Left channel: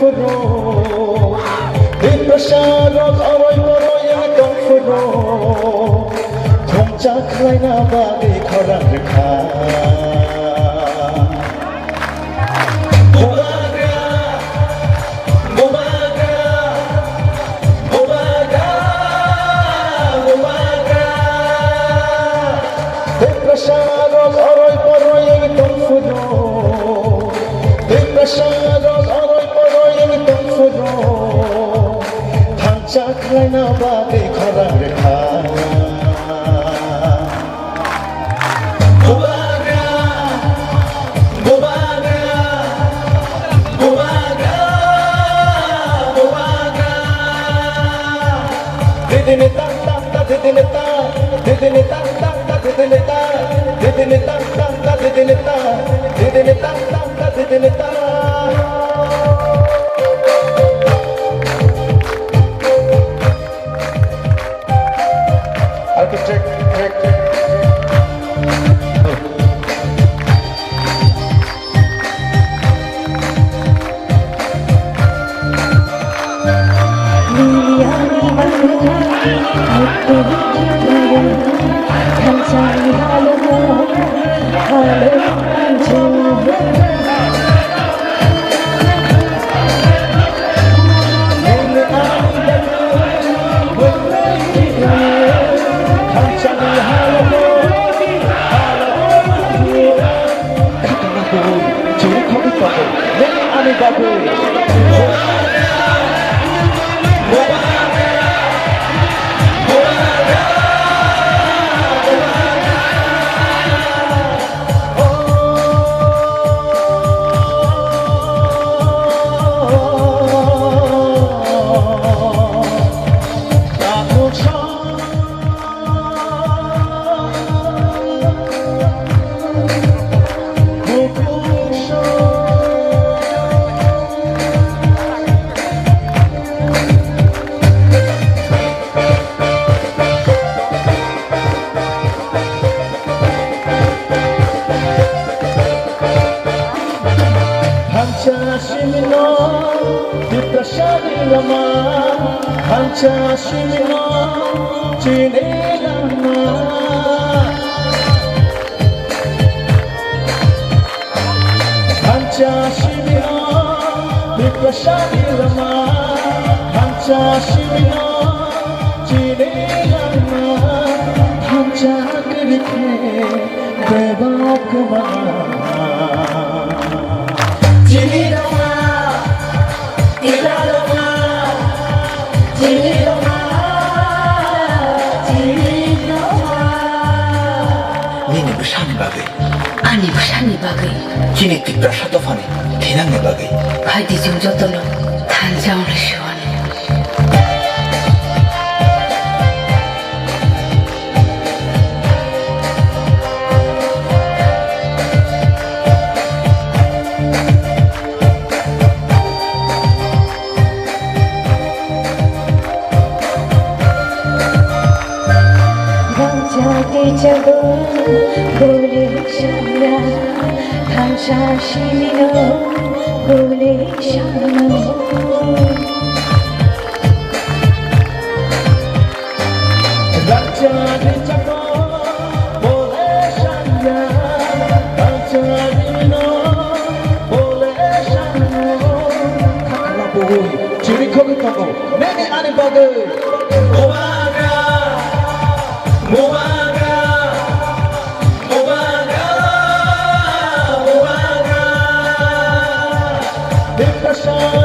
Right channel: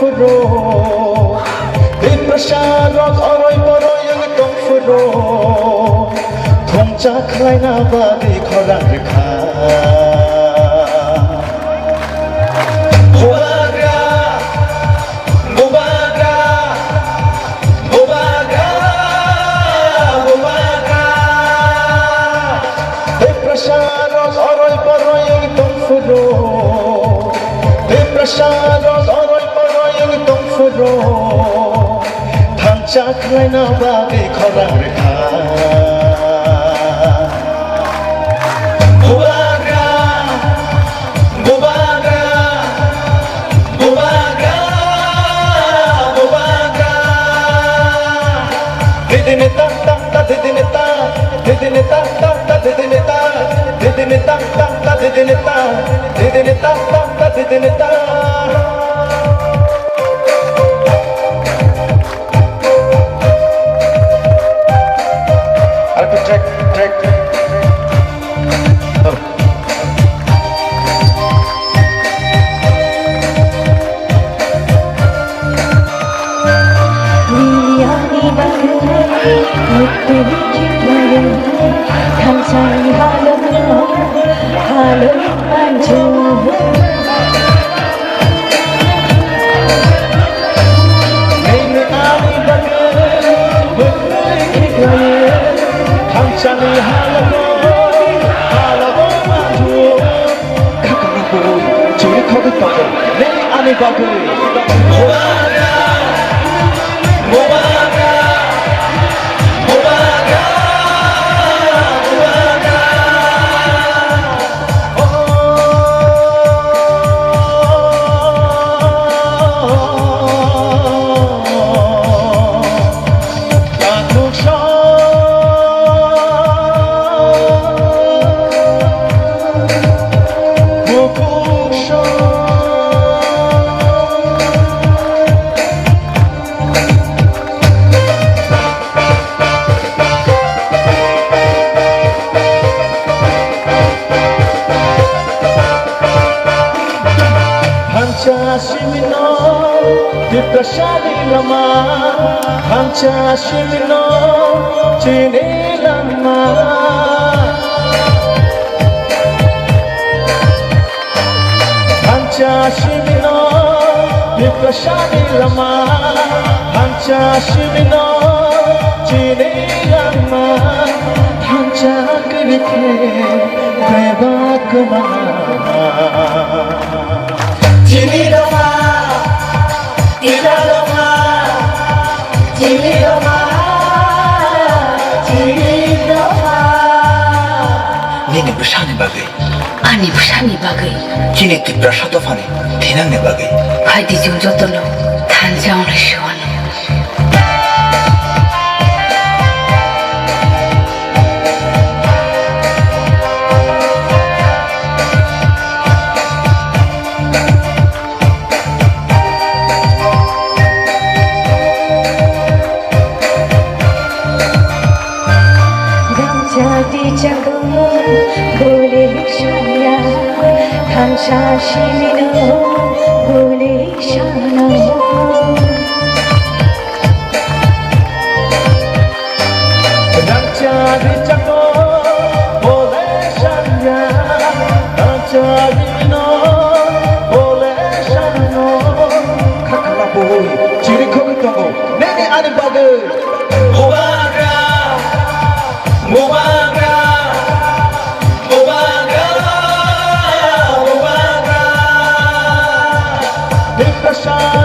furo Di prasarot aroy paroy ang itong furo Kung saklay na bagay korang likha Bumaga, bumaga, bumaga, bumaga Di prasarot aroy paroy ang itong furo Di prasarot aroy paroy ang itong furo Kung saklay na bagay korang likha Hanchashimino, chinelama Hanchashimino, yukashadirama Hanchashimino, chinelama Hanchakirke, krevakma Chimilama, ilalama Nini bersani bagai, ani bersani bagai, kini ti prasado fani, tinang ne bagai. Hai di jumjo tolo, tanjang reshuan. Jadi jago boleh saya Hanchashimino boleh sana Jadi jago boleh saya Hanchashimino boleh sana Kakalaboy ciri kau jago nene ani bagai Bumaga Bumaga Bumaga Bumaga Di prasarot